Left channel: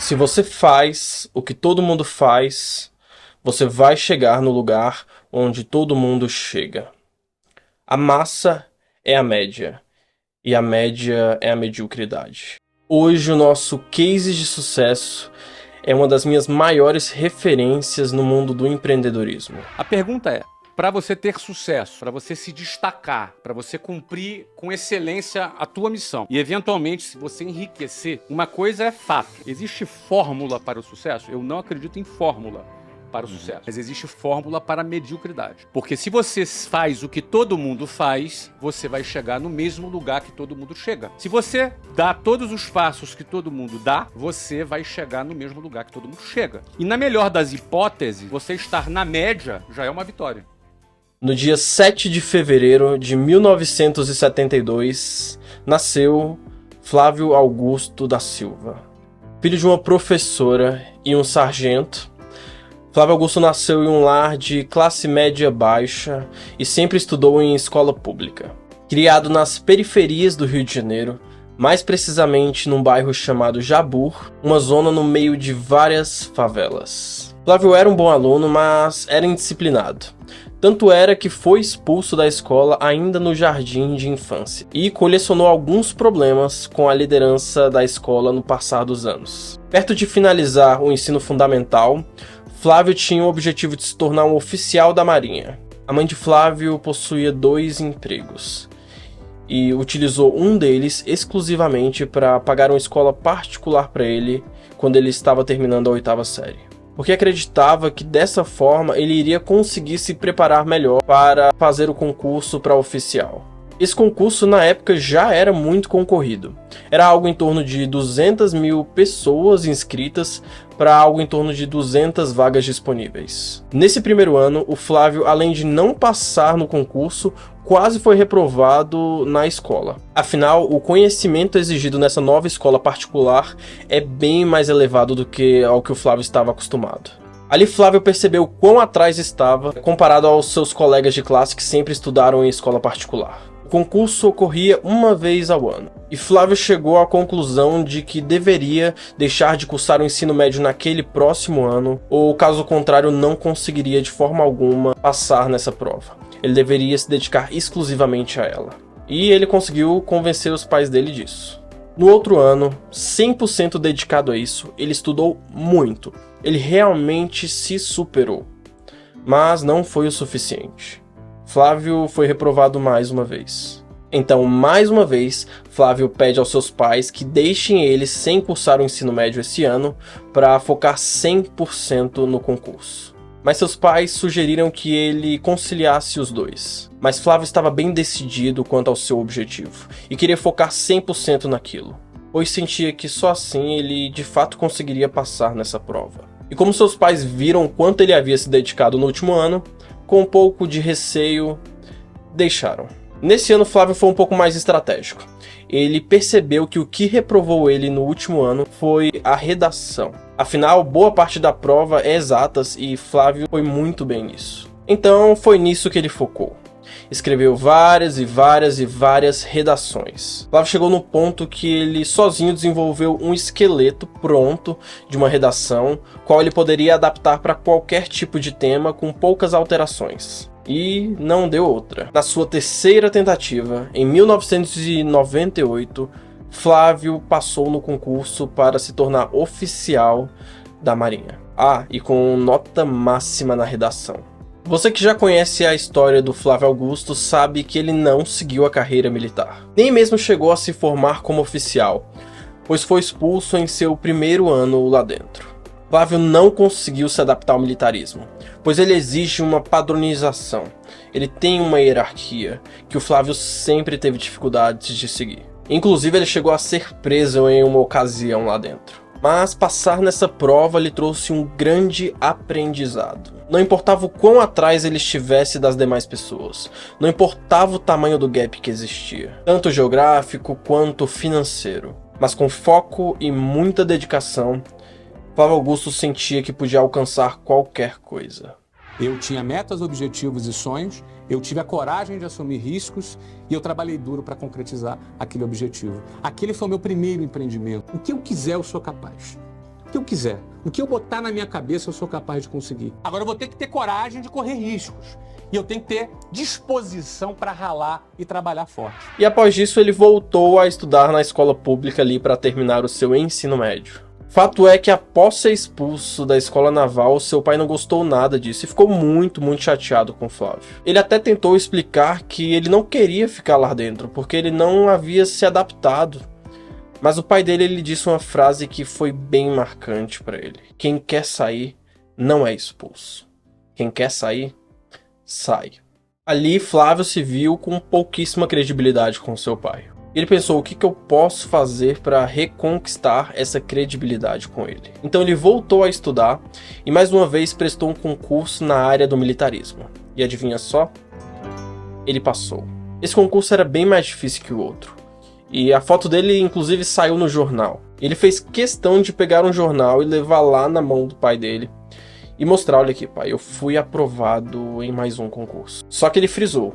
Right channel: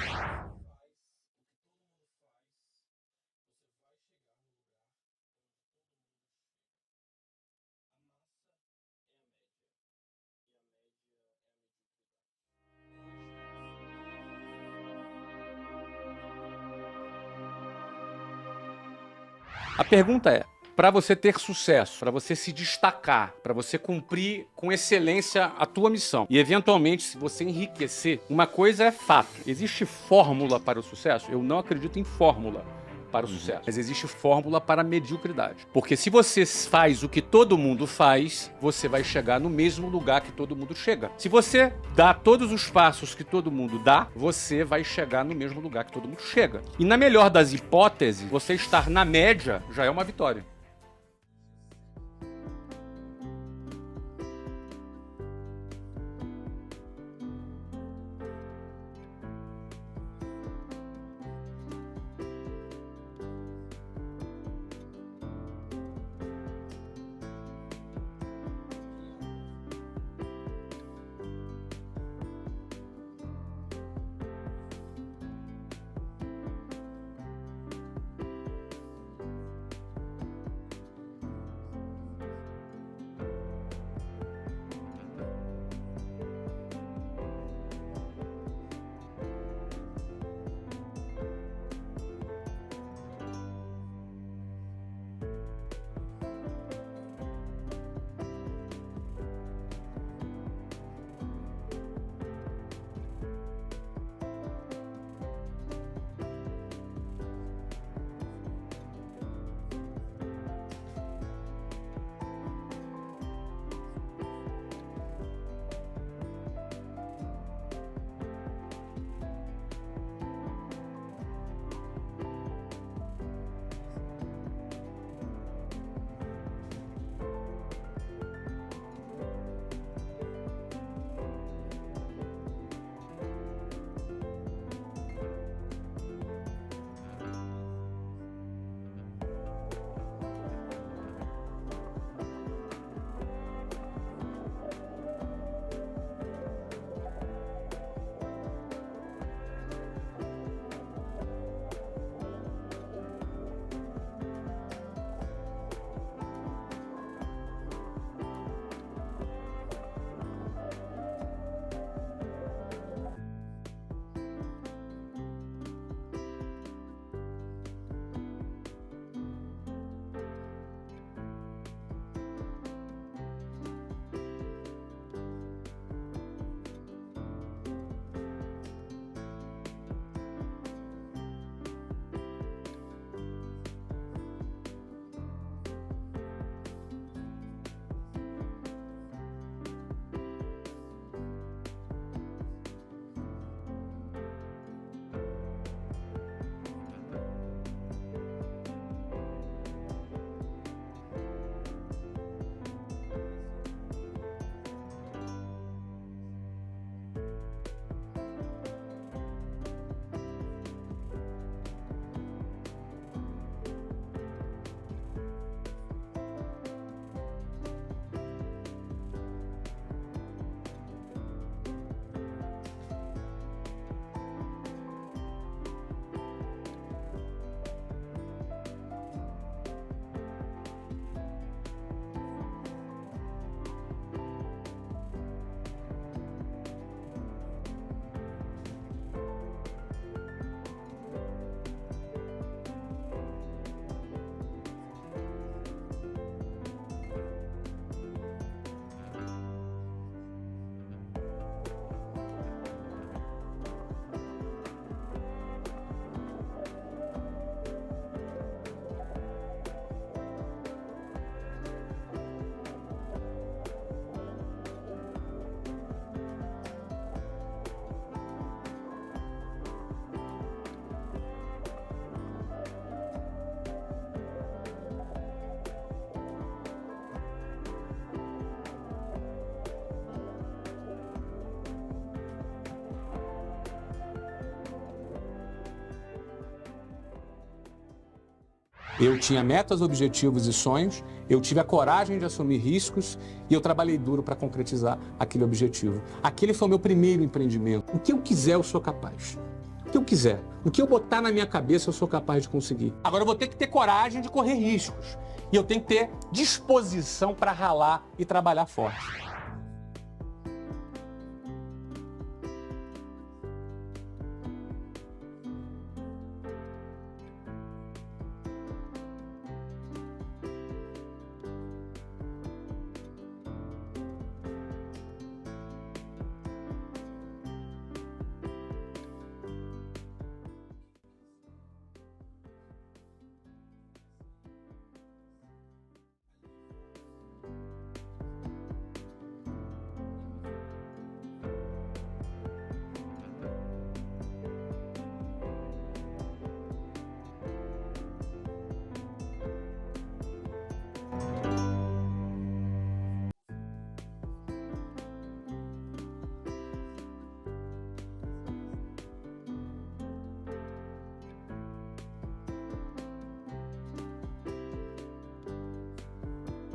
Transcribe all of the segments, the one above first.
Se você faz o que todo mundo faz, você vai chegar no lugar onde todo mundo chega. A massa é a média, e a média é a mediocridade. Hoje, o nosso case de sucesso é uma das minhas maiores referências no mundo do empreendedorismo. A pergunta é, para você ter sucesso, para você se destacar, para você cumprir com excelência a tua missão e, eventualmente, se você enriquecer, uma coisa é fato. Existe fórmula para o sucesso? Eu não acredito em fórmula para o sucesso, mas existe fórmula para a mediocridade. Porque se você faz o que todo mundo faz, você vai chegar no mesmo lugar que todo mundo chega. Se você dá todos os passos que todo mundo dá, você vai chegar no mesmo lugar que todo mundo chega. E na melhor das hipóteses, você estar na média já é uma vitória. No dia 7 de fevereiro de 1972, nasceu Flávio Augusto da Silva. Filho de uma professora e um sargento, Flávio Augusto nasceu em um lar de classe média baixa e sempre estudou em escola pública. Criado nas periferias do Rio de Janeiro, mais precisamente num bairro chamado Jabur, uma zona no meio de várias favelas. Flávio era um bom aluno, mas era indisciplinado. Tanto era que foi expulso da escola ainda no jardim de infância e colecionou alguns problemas com a liderança da escola no passar dos anos. Perto de finalizar o ensino fundamental, Flávio tinha o objetivo de se tornar um oficial da Marinha. A mãe de Flávio possuía 2 empregos e utilizou um deles exclusivamente para pagar uma escola particular para ele quando ele estava terminando a 8ª série. Porque acreditava que dessa forma ele iria conseguir se preparar melhor para fazer o concurso para oficial. Esse concurso na época já era muito concorrido. Era algo em torno de 200 mil pessoas inscritas para algo em torno de 200 vagas disponíveis. Nesse primeiro ano, o Flávio, além de não passar no concurso, quase foi reprovado na escola. Afinal, o conhecimento exigido nessa nova escola particular é bem mais elevado do que ao que o Flávio estava acostumado. Ali Flávio percebeu quão atrás estava comparado aos seus colegas de classe que sempre estudaram em escola particular. O concurso ocorria uma vez ao ano, e Flávio chegou à conclusão de que deveria deixar de cursar o ensino médio naquele próximo ano, ou caso contrário não conseguiria de forma alguma passar nessa prova. Ele deveria se dedicar exclusivamente a ela. E ele conseguiu convencer os pais dele disso. No outro ano, 100% dedicado a isso, ele estudou muito. Ele realmente se superou. Mas não foi o suficiente. Flávio foi reprovado mais uma vez. Então, mais uma vez, Flávio pede aos seus pais que deixem ele sem cursar o ensino médio esse ano para focar 100% no concurso. Mas seus pais sugeriram que ele conciliasse os dois. Mas Flávio estava bem decidido quanto ao seu objetivo e queria focar 100% naquilo, pois sentia que só assim ele de fato conseguiria passar nessa prova. E como seus pais viram quanto ele havia se dedicado no último ano, com um pouco de receio, deixaram. Nesse ano, Flávio foi um pouco mais estratégico. Ele percebeu que o que reprovou ele no último ano foi a redação. Afinal, boa parte da prova é exatas e Flávio foi muito bem nisso. Então, foi nisso que ele focou. Escreveu várias redações. Flávio chegou no ponto que ele sozinho desenvolveu um esqueleto pronto de uma redação, qual ele poderia adaptar para qualquer tipo de tema com poucas alterações. E não deu outra. Na sua terceira tentativa, em 1998, Flávio passou no concurso para se tornar oficial da Marinha. E com nota máxima na redação. Você que já conhece a história do Flávio Augusto sabe que ele não seguiu a carreira militar. Nem mesmo chegou a se formar como oficial, pois foi expulso em seu primeiro ano lá dentro. Flávio não conseguiu se adaptar ao militarismo, pois ele exige uma padronização. Ele tem uma hierarquia que o Flávio sempre teve dificuldades de seguir. Inclusive ele chegou a ser preso em uma ocasião lá dentro. Mas passar nessa prova lhe trouxe um grande aprendizado. Não importava o quão atrás ele estivesse das demais pessoas. Não importava o tamanho do gap que existia, tanto geográfico quanto financeiro. Mas com foco e muita dedicação, Flávio Augusto sentia que podia alcançar qualquer coisa. Eu tinha metas, objetivos e sonhos, eu tive a coragem de assumir riscos e eu trabalhei duro para concretizar aquele objetivo. Aquele foi o meu primeiro empreendimento. O que eu quiser, eu sou capaz. que eu quiser. O que eu botar na minha cabeça eu sou capaz de conseguir. Agora eu vou ter que ter coragem de correr riscos. E eu tenho que ter disposição para ralar e trabalhar forte. E após isso ele voltou a estudar na escola pública ali para terminar o seu ensino médio. Fato é que após ser expulso da escola naval, seu pai não gostou nada disso e ficou muito chateado com Flávio. Ele até tentou explicar que ele não queria ficar lá dentro, porque ele não havia se adaptado. Mas o pai dele lhe disse uma frase que foi bem marcante para ele. Quem quer sair não é expulso. Quem quer sair, sai. Ali Flávio se viu com pouquíssima credibilidade com seu pai. Ele pensou, o que eu posso fazer para reconquistar essa credibilidade com ele? Então ele voltou a estudar e mais uma vez prestou um concurso na área do militarismo. E adivinha só? Ele passou. Esse concurso era bem mais difícil que o outro. E a foto dele inclusive saiu no jornal. Ele fez questão de pegar um jornal e levar lá na mão do pai dele e mostrar, olha aqui pai, eu fui aprovado em mais um concurso. Só que ele frisou,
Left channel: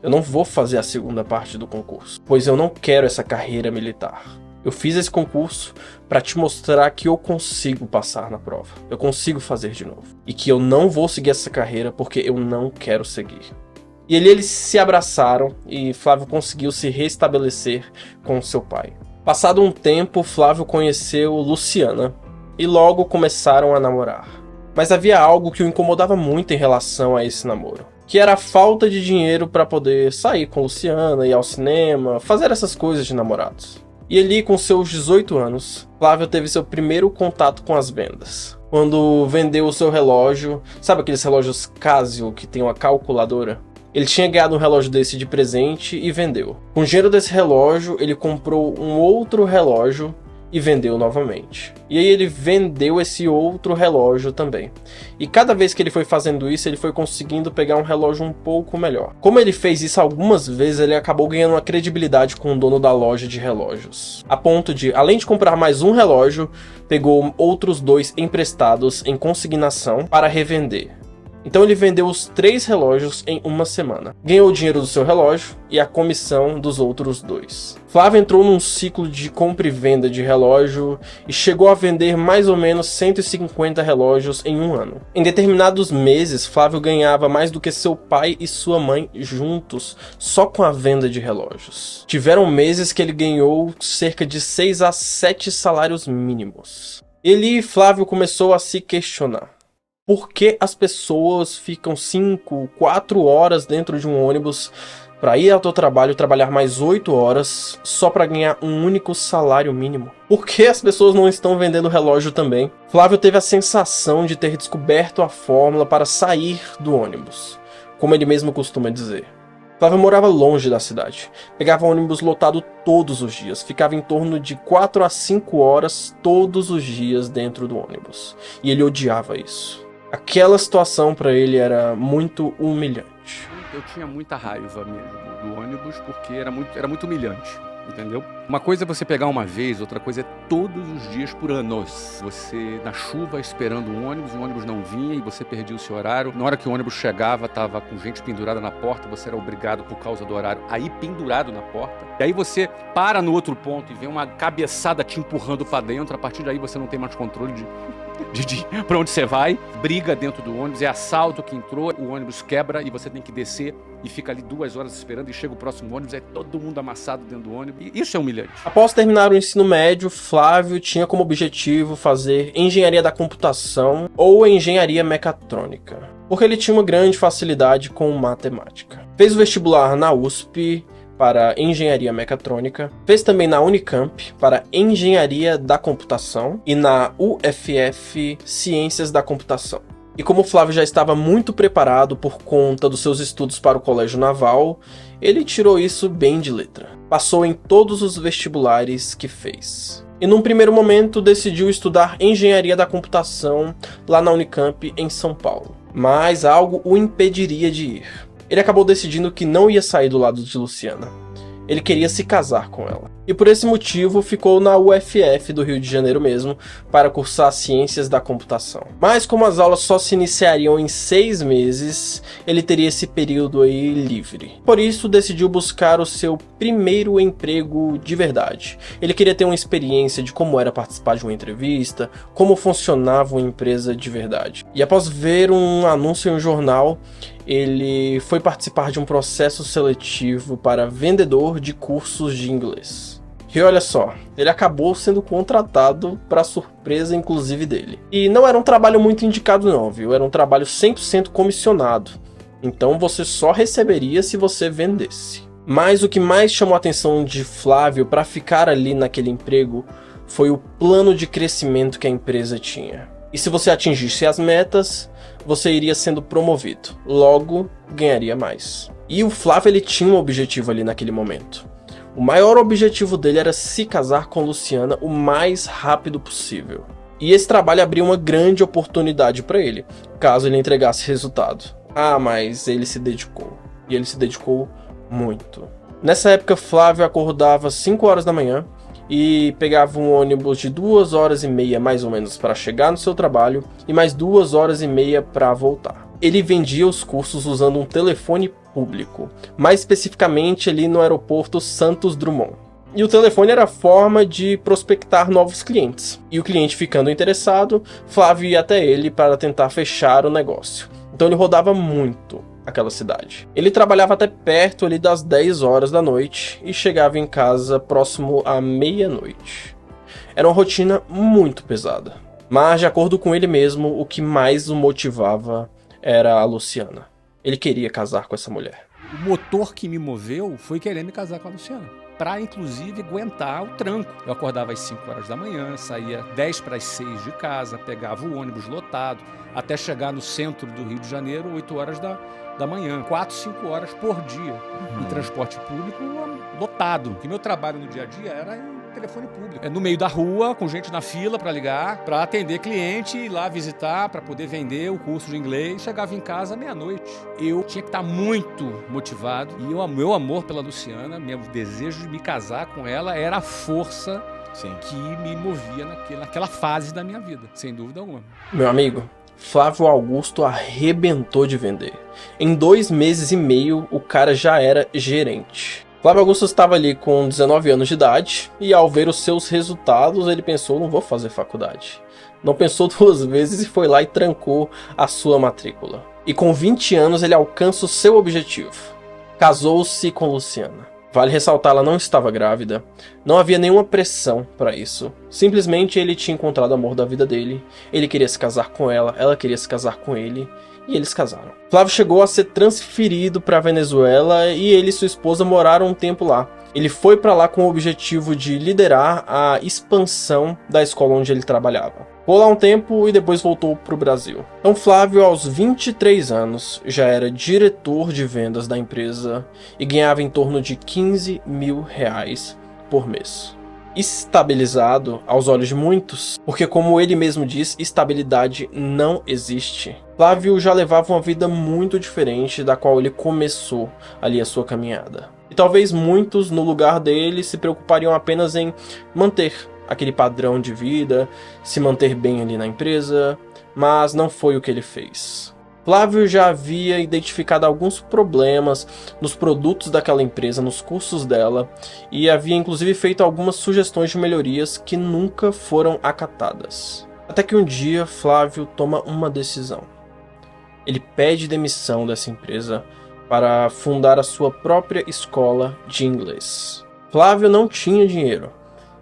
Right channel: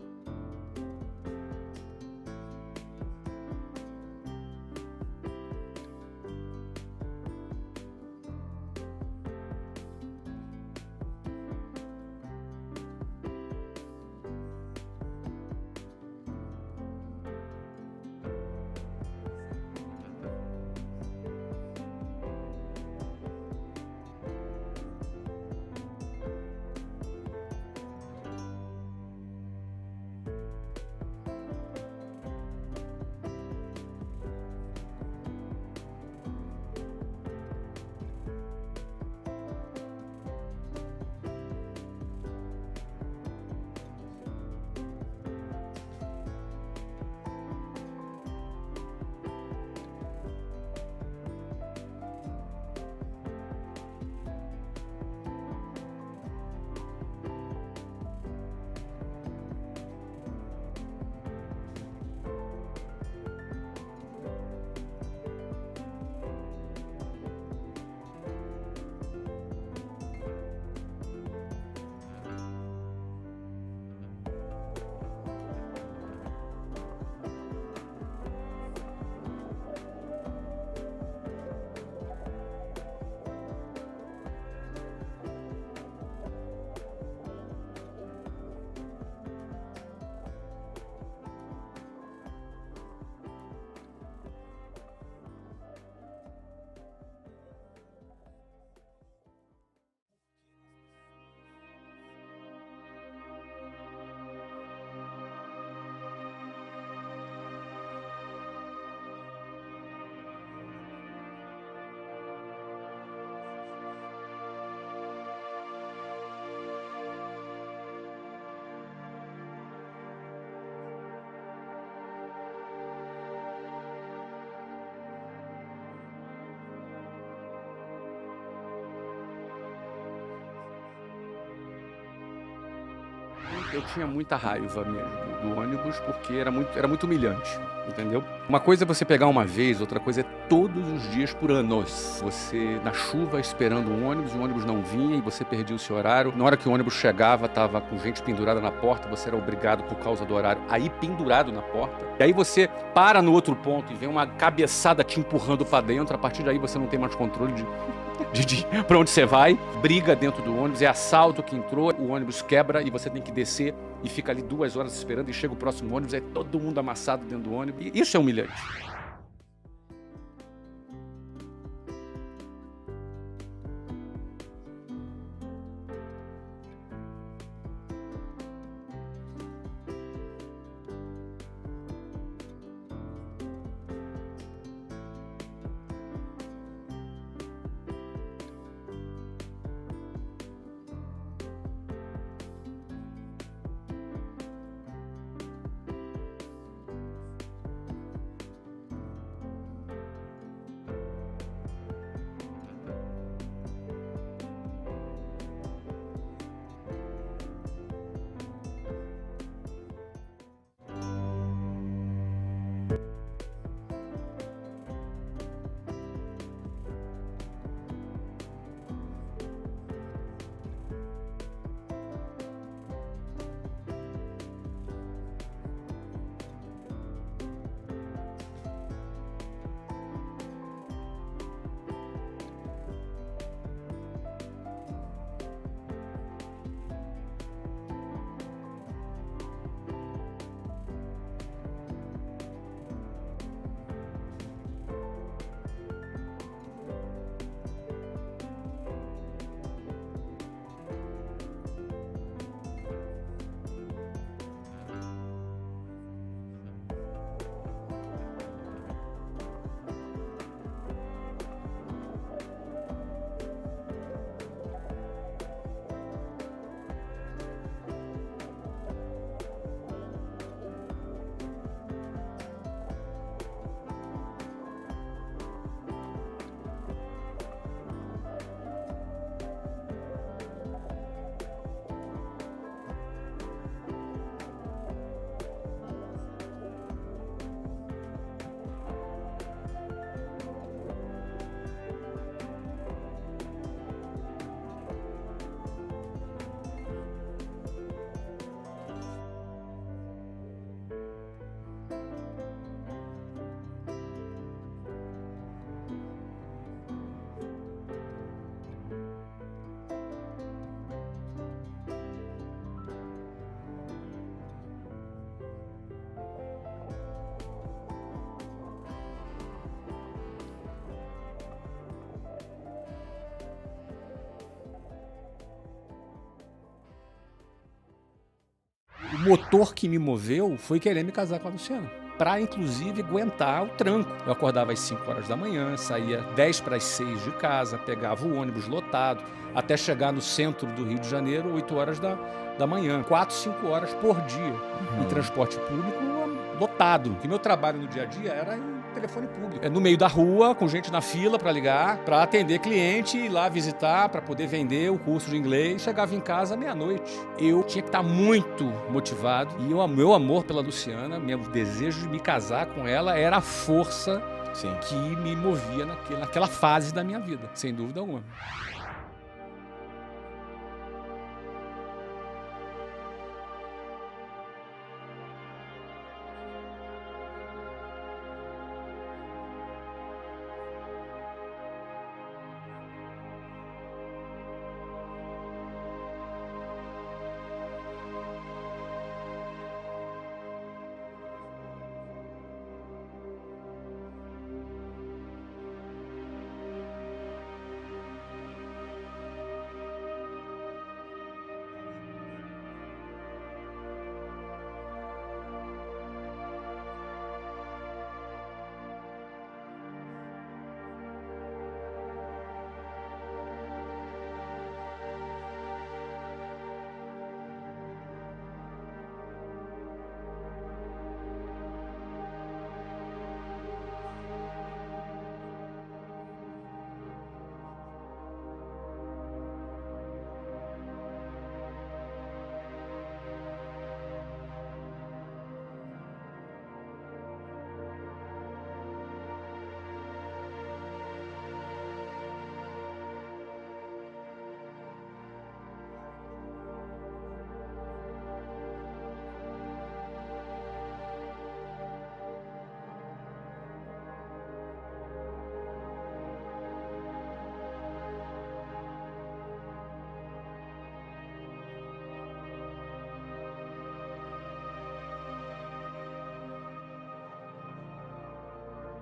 eu não vou fazer a segunda parte do concurso, pois eu não quero essa carreira militar. Eu fiz esse concurso para te mostrar que eu consigo passar na prova. Eu consigo fazer de novo. E que eu não vou seguir essa carreira porque eu não quero seguir. E eles se abraçaram e Flávio conseguiu se restabelecer com seu pai. Passado um tempo, Flávio conheceu Luciana e logo começaram a namorar. Mas havia algo que o incomodava muito em relação a esse namoro, que era a falta de dinheiro para poder sair com Luciana, ir ao cinema, fazer essas coisas de namorados. E ali, com seus 18 anos, Flávio teve seu primeiro contato com as vendas. Quando vendeu o seu relógio, sabe aqueles relógios Casio que tem uma calculadora? Ele tinha ganhado um relógio desse de presente e vendeu. Com o dinheiro desse relógio, ele comprou um outro relógio e vendeu novamente. E aí ele vendeu esse outro relógio também. E cada vez que ele foi fazendo isso, ele foi conseguindo pegar um relógio um pouco melhor. Como ele fez isso algumas vezes, ele acabou ganhando uma credibilidade com o dono da loja de relógios. A ponto de, além de comprar mais um relógio, pegou outros 2 emprestados em consignação para revender. Então ele vendeu os 3 relógios em uma semana. Ganhou o dinheiro do seu relógio e a comissão dos outros 2. Flávio entrou num ciclo de compra e venda de relógio e chegou a vender mais ou menos 150 relógios em um ano. Em determinados meses, Flávio ganhava mais do que seu pai e sua mãe juntos, só com a venda de relógios. Tiveram meses que ele ganhou cerca de 6 a 7 salários mínimos. Ele e Flávio começou a se questionar. Por que as pessoas ficam 5, 4 horas dentro de um ônibus para ir ao seu trabalho, trabalhar mais 8 horas só para ganhar um único salário mínimo? Por que as pessoas não estão vendendo relógio também? Flávio teve a sensação de ter descoberto a fórmula para sair do ônibus, como ele mesmo costuma dizer. Flávio morava longe da cidade, pegava ônibus lotado todos os dias, ficava em torno de 4 a 5 horas todos os dias dentro do ônibus, e ele odiava isso. Aquela situação para ele era muito humilhante. Eu tinha muita raiva mesmo do ônibus porque era muito humilhante, entendeu? Uma coisa é você pegar uma vez, outra coisa é todos os dias por anos. Você na chuva esperando um ônibus e o ônibus não vinha e você perdia o seu horário. Na hora que o ônibus chegava, tava com gente pendurada na porta, você era obrigado por causa do horário a ir pendurado na porta. E aí você para no outro ponto e vem uma cabeçada te empurrando para dentro, a partir daí você não tem mais controle de pra onde você vai, briga dentro do ônibus, é assalto que entrou, o ônibus quebra e você tem que descer e fica ali 2 horas esperando e chega o próximo ônibus, é todo mundo amassado dentro do ônibus, e isso é humilhante. Após terminar o ensino médio, Flávio tinha como objetivo fazer engenharia da computação ou engenharia mecatrônica, porque ele tinha uma grande facilidade com matemática. Fez o vestibular na USP para engenharia mecatrônica, fez também na Unicamp para engenharia da computação e na UFF ciências da computação. E como Flávio já estava muito preparado por conta dos seus estudos para o colégio naval, ele tirou isso bem de letra. Passou em todos os vestibulares que fez. E num primeiro momento decidiu estudar engenharia da computação lá na Unicamp em São Paulo. Mas algo o impediria de ir. Ele acabou decidindo que não ia sair do lado de Luciana. Ele queria se casar com ela. e por esse motivo ficou na UFF do Rio de Janeiro mesmo, para cursar Ciências da Computação. Mas como as aulas só se iniciariam em 6 meses, ele teria esse período aí livre. Por isso decidiu buscar o seu primeiro emprego de verdade. Ele queria ter uma experiência de como era participar de uma entrevista, como funcionava uma empresa de verdade. E após ver um anúncio em um jornal, ele foi participar de um processo seletivo para vendedor de cursos de inglês. E olha só, ele acabou sendo contratado para surpresa inclusive dele. E não era um trabalho muito indicado não, viu? Era um trabalho 100% comissionado. Então você só receberia se você vendesse. Mas o que mais chamou a atenção de Flávio para ficar ali naquele emprego foi o plano de crescimento que a empresa tinha. E se você atingisse as metas, você iria sendo promovido. Logo, ganharia mais. E o Flávio ele tinha um objetivo ali naquele momento. O maior objetivo dele era se casar com Luciana o mais rápido possível. E esse trabalho abriu uma grande oportunidade para ele, caso ele entregasse resultado. Ah, mas ele se dedicou. E ele se dedicou muito. Nessa época, Flávio acordava às 5 horas da manhã e pegava um ônibus de 2 horas e meia mais ou menos para chegar no seu trabalho e mais 2 horas e meia para voltar. Ele vendia os cursos usando um telefone público, mais especificamente ali no aeroporto Santos Dumont. E o telefone era a forma de prospectar novos clientes. E o cliente ficando interessado, Flávio ia até ele para tentar fechar o negócio. Então ele rodava muito aquela cidade. Ele trabalhava até perto ali das 10 horas da noite e chegava em casa próximo à meia-noite. Era uma rotina muito pesada. Mas, de acordo com ele mesmo, o que mais o motivava era a Luciana. Ele queria casar com essa mulher. O motor que me moveu foi querer me casar com a Luciana, para inclusive aguentar o tranco. Eu acordava às 5 horas da manhã, saía 10 para as 6 de casa, pegava o ônibus lotado, até chegar no centro do Rio de Janeiro, 8 horas da manhã. 4, 5 horas por dia em transporte público lotado. E meu trabalho no dia a dia era em telefone público. No meio da rua, com gente na fila para ligar, para atender cliente, ir lá visitar, para poder vender o curso de inglês. Chegava em casa meia-noite. Eu tinha que estar muito motivado. E o meu amor pela Luciana, meu desejo de me casar com ela era a força que me movia naquela fase da minha vida, sem dúvida alguma. Meu amigo, Flávio Augusto arrebentou de vender. Em 2 meses e meio, o cara já era gerente. Flávio Augusto estava ali com 19 anos de idade e ao ver os seus resultados, ele pensou, não vou fazer faculdade. Não pensou 2 vezes e foi lá e trancou a sua matrícula. E com 20 anos ele alcança o seu objetivo. Casou-se com Luciana. Vale ressaltar, ela não estava grávida, não havia nenhuma pressão para isso. Simplesmente ele tinha encontrado o amor da vida dele, ele queria se casar com ela queria se casar com ele, e eles casaram. Flávio chegou a ser transferido para a Venezuela e ele e sua esposa moraram um tempo lá. Ele foi para lá com o objetivo de liderar a expansão da escola onde ele trabalhava. Ficou lá um tempo e depois voltou para o Brasil. Então Flávio, aos 23 anos, já era diretor de vendas da empresa e ganhava em torno de R$15 mil por mês. Estabilizado aos olhos de muitos, porque como ele mesmo diz, estabilidade não existe. Flávio já levava uma vida muito diferente da qual ele começou ali a sua caminhada. E talvez muitos no lugar dele se preocupariam apenas em manter aquele padrão de vida, se manter bem ali na empresa, mas não foi o que ele fez. Flávio já havia identificado alguns problemas nos produtos daquela empresa, nos cursos dela, e havia inclusive feito algumas sugestões de melhorias que nunca foram acatadas. Até que um dia Flávio toma uma decisão. Ele pede demissão dessa empresa para fundar a sua própria escola de inglês. Flávio não tinha dinheiro.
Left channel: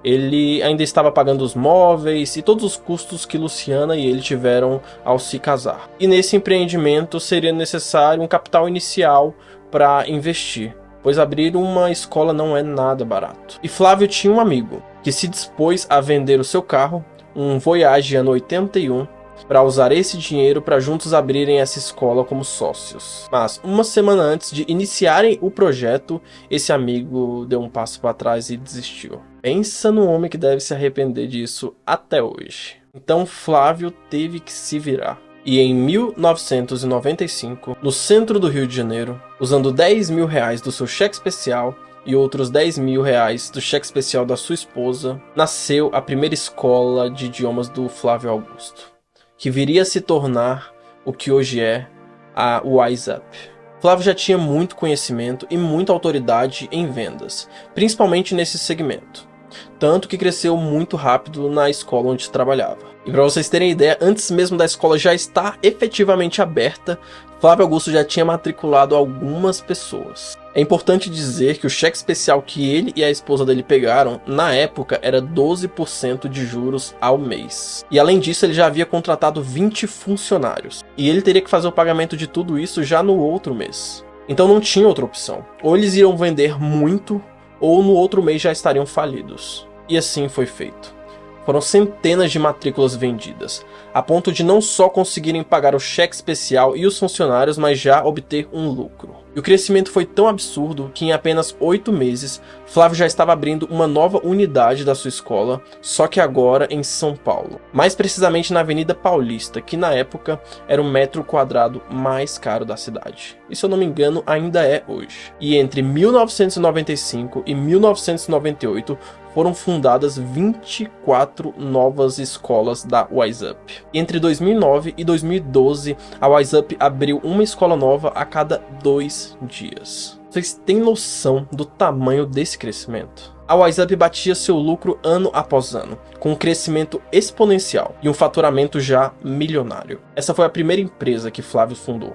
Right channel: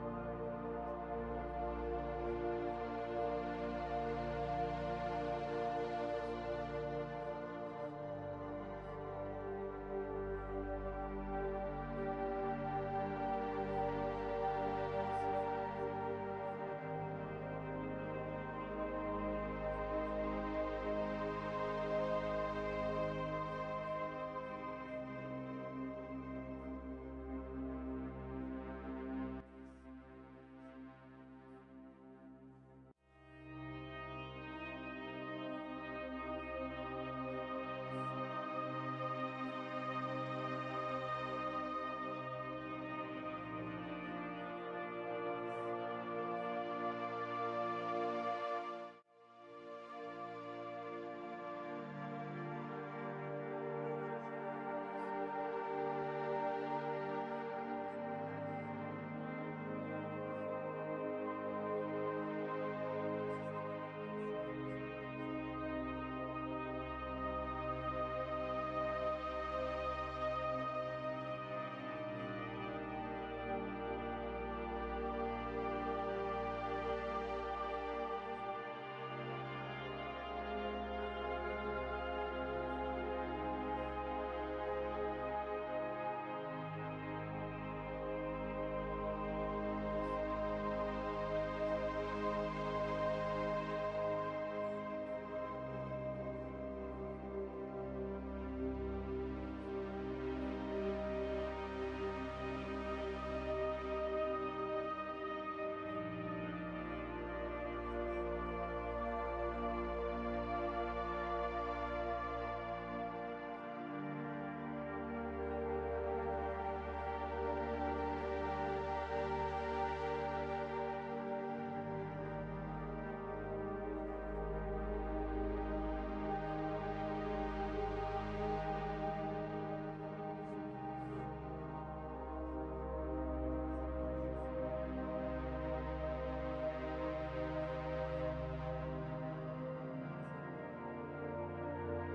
Ele ainda estava pagando os móveis e todos os custos que Luciana e ele tiveram ao se casar. E nesse empreendimento seria necessário um capital inicial para investir, pois abrir uma escola não é nada barato. E Flávio tinha um amigo que se dispôs a vender o seu carro, um Voyage ano 81, para usar esse dinheiro para juntos abrirem essa escola como sócios. Mas uma semana antes de iniciarem o projeto, esse amigo deu um passo para trás e desistiu. Pensa no homem que deve se arrepender disso até hoje. Então Flávio teve que se virar. E em 1995, no centro do Rio de Janeiro, usando R$10 mil do seu cheque especial, e outros 10 mil reais do cheque especial da sua esposa, nasceu a primeira escola de idiomas do Flávio Augusto, que viria a se tornar o que hoje é a WiseUp. Flávio já tinha muito conhecimento e muita autoridade em vendas, principalmente nesse segmento, tanto que cresceu muito rápido na escola onde trabalhava. E para vocês terem ideia, antes mesmo da escola já estar efetivamente aberta, Flávio Augusto já tinha matriculado algumas pessoas. É importante dizer que o cheque especial que ele e a esposa dele pegaram, na época, era 12% de juros ao mês. E além disso, ele já havia contratado 20 funcionários. E ele teria que fazer o pagamento de tudo isso já no outro mês. Então não tinha outra opção. Ou eles iriam vender muito, ou no outro mês já estariam falidos. E assim foi feito. Foram centenas de matrículas vendidas, a ponto de não só conseguirem pagar o cheque especial e os funcionários, mas já obter um lucro. E o crescimento foi tão absurdo que em apenas 8 meses, Flávio já estava abrindo uma nova unidade da sua escola, só que agora em São Paulo. Mais precisamente na Avenida Paulista, que na época era o metro quadrado mais caro da cidade. E se eu não me engano, ainda é hoje. E entre 1995 e 1998, foram fundadas 24 novas escolas da WiseUp. Entre 2009 e 2012, a WiseUp abriu uma escola nova a cada 2 dias. Vocês têm noção do tamanho desse crescimento? A WiseUp batia seu lucro ano após ano, com um crescimento exponencial e um faturamento já milionário. Essa foi a primeira empresa que Flávio fundou.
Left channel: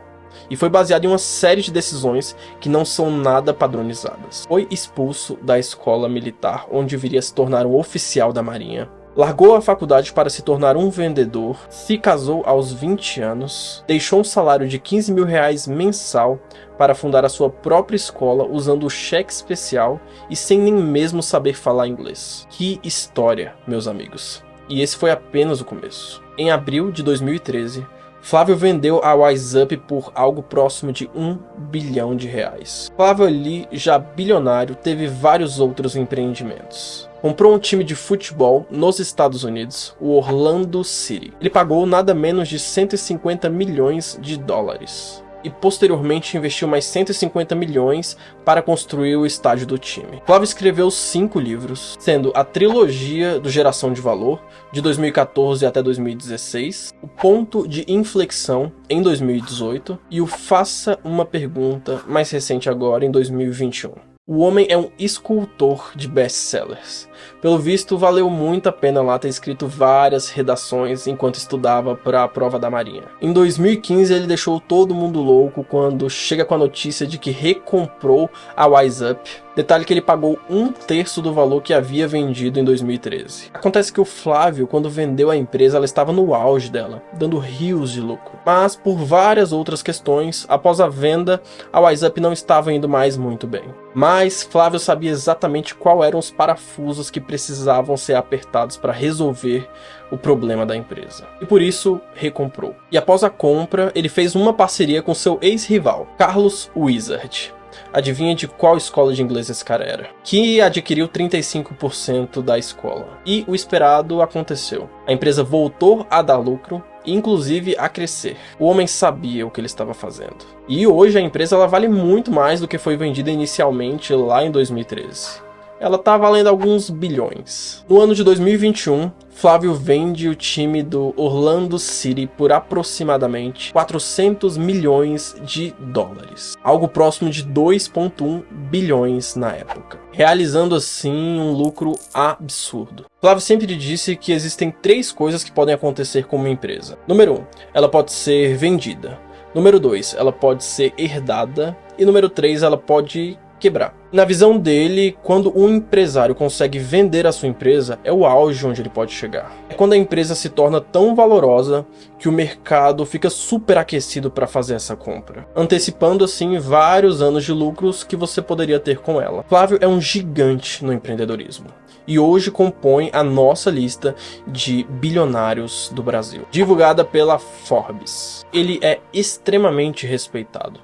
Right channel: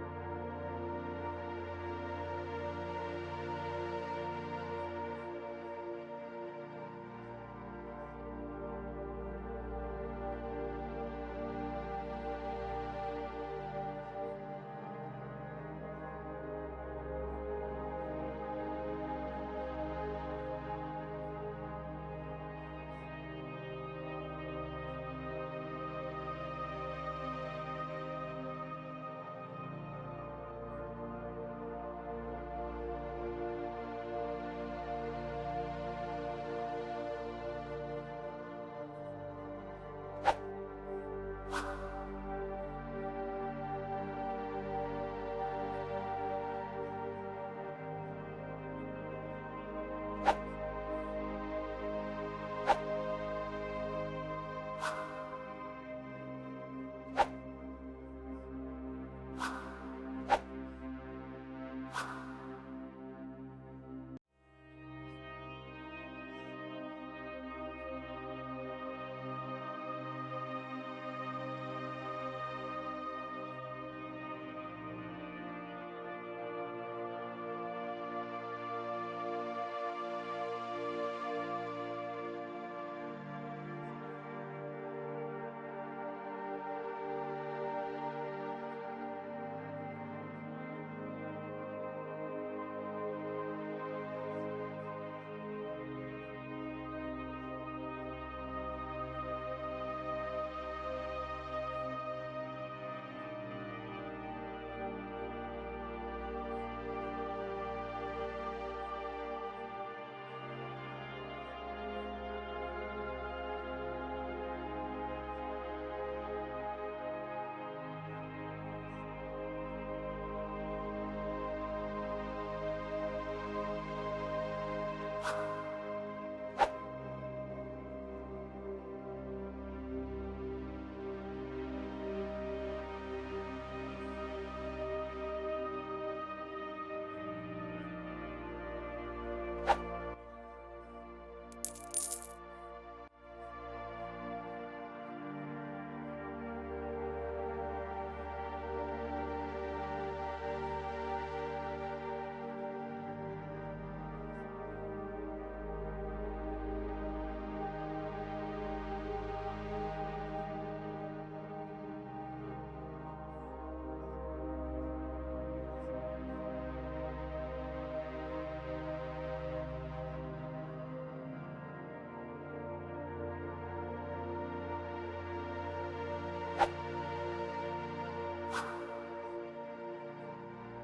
E foi baseado em uma série de decisões que não são nada padronizadas. Foi expulso da escola militar, onde viria a se tornar um oficial da Marinha. Largou a faculdade para se tornar um vendedor, se casou aos 20 anos, deixou um salário de 15 mil reais mensal para fundar a sua própria escola usando o cheque especial e sem nem mesmo saber falar inglês. Que história, meus amigos. E esse foi apenas o começo. Em abril de 2013, Flávio vendeu a WiseUp por algo próximo de 1 bilhão de reais. Flávio ali, já bilionário, teve vários outros empreendimentos. Comprou um time de futebol nos Estados Unidos, o Orlando City. Ele pagou nada menos de 150 milhões de dólares. E posteriormente investiu mais 150 milhões para construir o estádio do time. Flávio escreveu 5 livros, sendo a trilogia do Geração de Valor, de 2014 até 2016, o Ponto de Inflexão, em 2018, e o Faça uma Pergunta, mais recente agora, em 2021. O homem é um escultor de best-sellers. Pelo visto, valeu muito a pena lá ter escrito várias redações enquanto estudava para a prova da Marinha. Em 2015, ele deixou todo mundo louco quando chega com a notícia de que recomprou a WiseUp. Detalhe que ele pagou 1/3 do valor que havia vendido em 2013. Acontece que o Flávio, quando vendeu a empresa, ela estava no auge dela, dando rios de lucro. Mas por várias outras questões, após a venda, a WiseUp não estava indo mais muito bem. Mas Flávio sabia exatamente quais eram os parafusos que precisavam ser apertados para resolver o problema da empresa. E por isso, recomprou. E após a compra, ele fez uma parceria com seu ex-rival, Carlos Wizard. Adivinha de qual escola de inglês esse cara era? Que adquiriu 35% da escola. E o esperado aconteceu. A empresa voltou a dar lucro e inclusive a crescer. O homem sabia o que ele estava fazendo. E hoje a empresa ela vale muito mais do que foi vendida inicialmente lá em 2013. Ela está valendo alguns bilhões. No ano de 2021, Flávio vende o time do Orlando City por aproximadamente 400 milhões de dólares. Algo próximo de 2,1 bilhões na época. Realizando assim um lucro absurdo. Flávio sempre disse que existem 3 coisas que podem acontecer com uma empresa. Número 1, ela pode ser vendida. Número 2, ela pode ser herdada. E número 3, ela pode quebrar. Na visão dele, quando um empresário consegue vender a sua empresa, é o auge onde ele pode chegar. É quando a empresa se torna tão valorosa que o mercado fica super aquecido para fazer essa compra, antecipando assim vários anos de lucros que você poderia ter com ela. Flávio é um gigante no empreendedorismo e hoje compõe a nossa lista de bilionários do Brasil, divulgada pela Forbes. Ele é extremamente respeitado,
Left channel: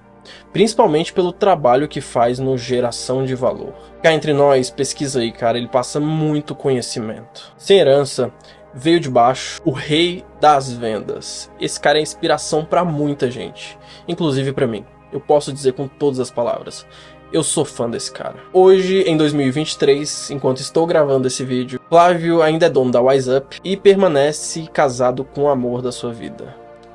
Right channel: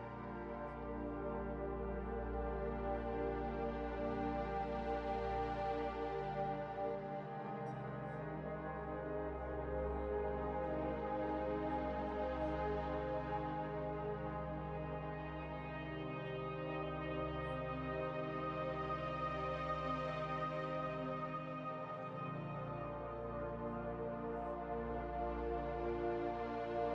principalmente pelo trabalho que faz no Geração de Valor. Cá entre nós, pesquisa aí, cara, ele passa muito conhecimento. Sem herança, veio de baixo, o rei das vendas. Esse cara é inspiração pra muita gente, inclusive pra mim. Eu posso dizer com todas as palavras, Eu sou fã desse cara. Hoje, em 2023, enquanto estou gravando esse vídeo, Flávio ainda é dono da Wise Up e permanece casado com o amor da sua vida,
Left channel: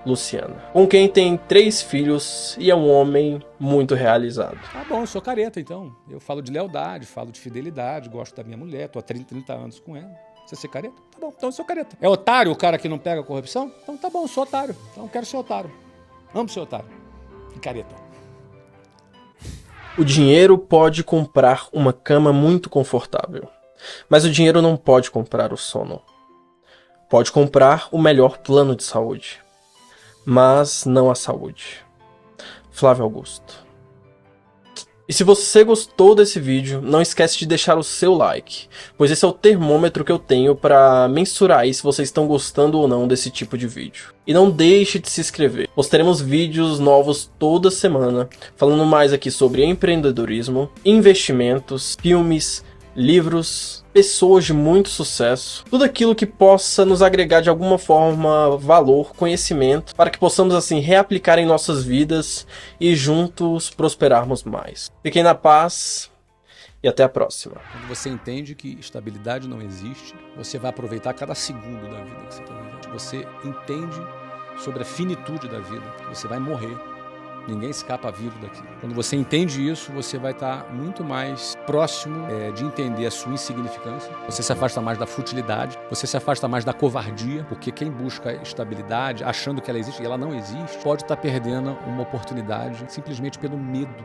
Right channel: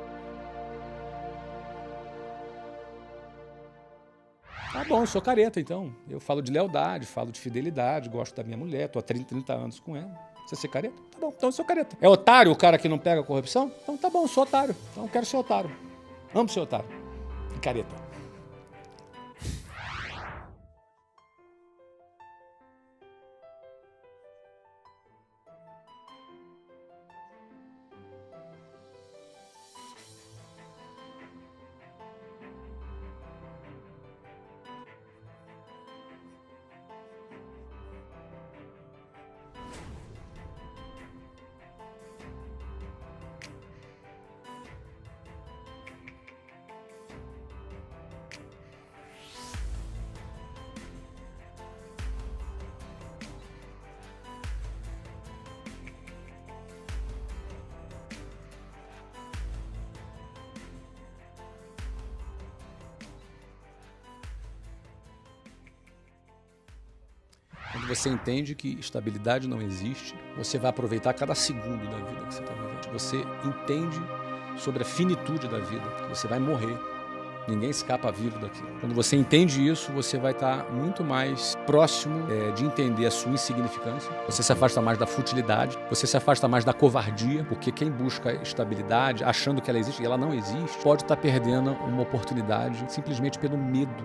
Luciana, com quem tem 3 filhos e é um homem muito realizado. Tá bom, eu sou careta, então. Eu falo de lealdade, falo de fidelidade, gosto da minha mulher, tô há 30 anos com ela. Você ser careta? Tá bom, então eu sou careta. É otário o cara que não pega corrupção? Então tá bom, eu sou otário. Então eu quero ser otário. Amo ser otário. E careta. O dinheiro pode comprar uma cama muito confortável, mas o dinheiro não pode comprar o sono. Pode comprar o melhor plano de saúde, mas não a saúde. Flávio Augusto. E se você gostou desse vídeo, não esquece de deixar o seu like, pois esse é o termômetro que eu tenho para mensurar aí se vocês estão gostando ou não desse tipo de vídeo. E não deixe de se inscrever, pois teremos vídeos novos toda semana, falando mais aqui sobre empreendedorismo, investimentos, filmes, livros, pessoas de muito sucesso, tudo aquilo que possa nos agregar de alguma forma valor, conhecimento, para que possamos assim reaplicar em nossas vidas e juntos prosperarmos mais. Fiquem na paz e até a próxima. Quando você entende que estabilidade não existe, você vai aproveitar cada segundo da vida que você está vivendo. Você entende sobre a finitude da vida, que você vai morrer. Ninguém escapa vivo daqui. Quando você entende isso, você vai estar muito mais próximo de entender a sua insignificância. Você se afasta mais da futilidade, você se afasta mais da covardia, porque quem busca estabilidade, achando que ela existe e ela não existe, pode estar perdendo uma oportunidade simplesmente pelo medo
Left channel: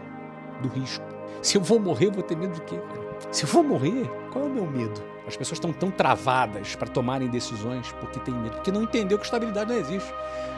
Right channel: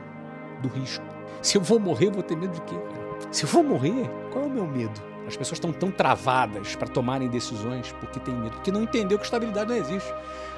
do risco. Se eu vou morrer, eu vou ter medo de quê, cara? Se eu vou morrer, qual é o meu medo? As pessoas estão tão travadas para tomarem decisões porque têm medo, porque não entendeu que estabilidade não existe.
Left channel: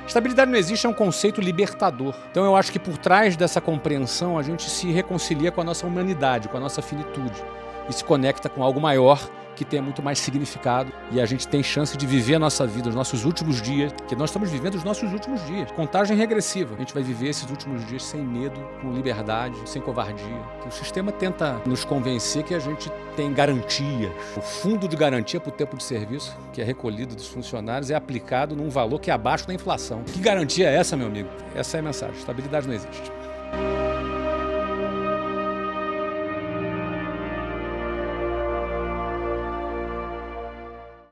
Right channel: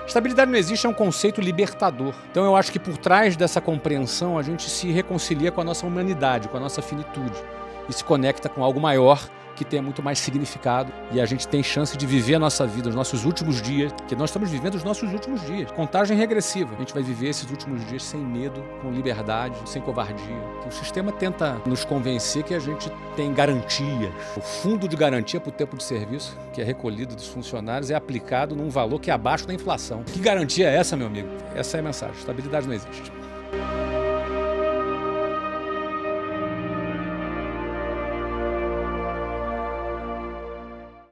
Estabilidade não existe é um conceito libertador. Então eu acho que por trás dessa compreensão a gente se reconcilia com a nossa humanidade, com a nossa finitude e se conecta com algo maior que tenha muito mais significado e a gente tem chance de viver a nossa vida, os nossos últimos dias, que nós estamos vivendo os nossos últimos dias. Contagem regressiva. A gente vai viver esses últimos dias sem medo, com liberdade, sem covardia. O sistema tenta nos convencer que a gente tem garantias. O fundo de garantia para o tempo de serviço, que é recolhido dos funcionários, é aplicado num valor que é abaixo da inflação. Que garantia é essa, meu amigo? Essa é a mensagem. Estabilidade não existe.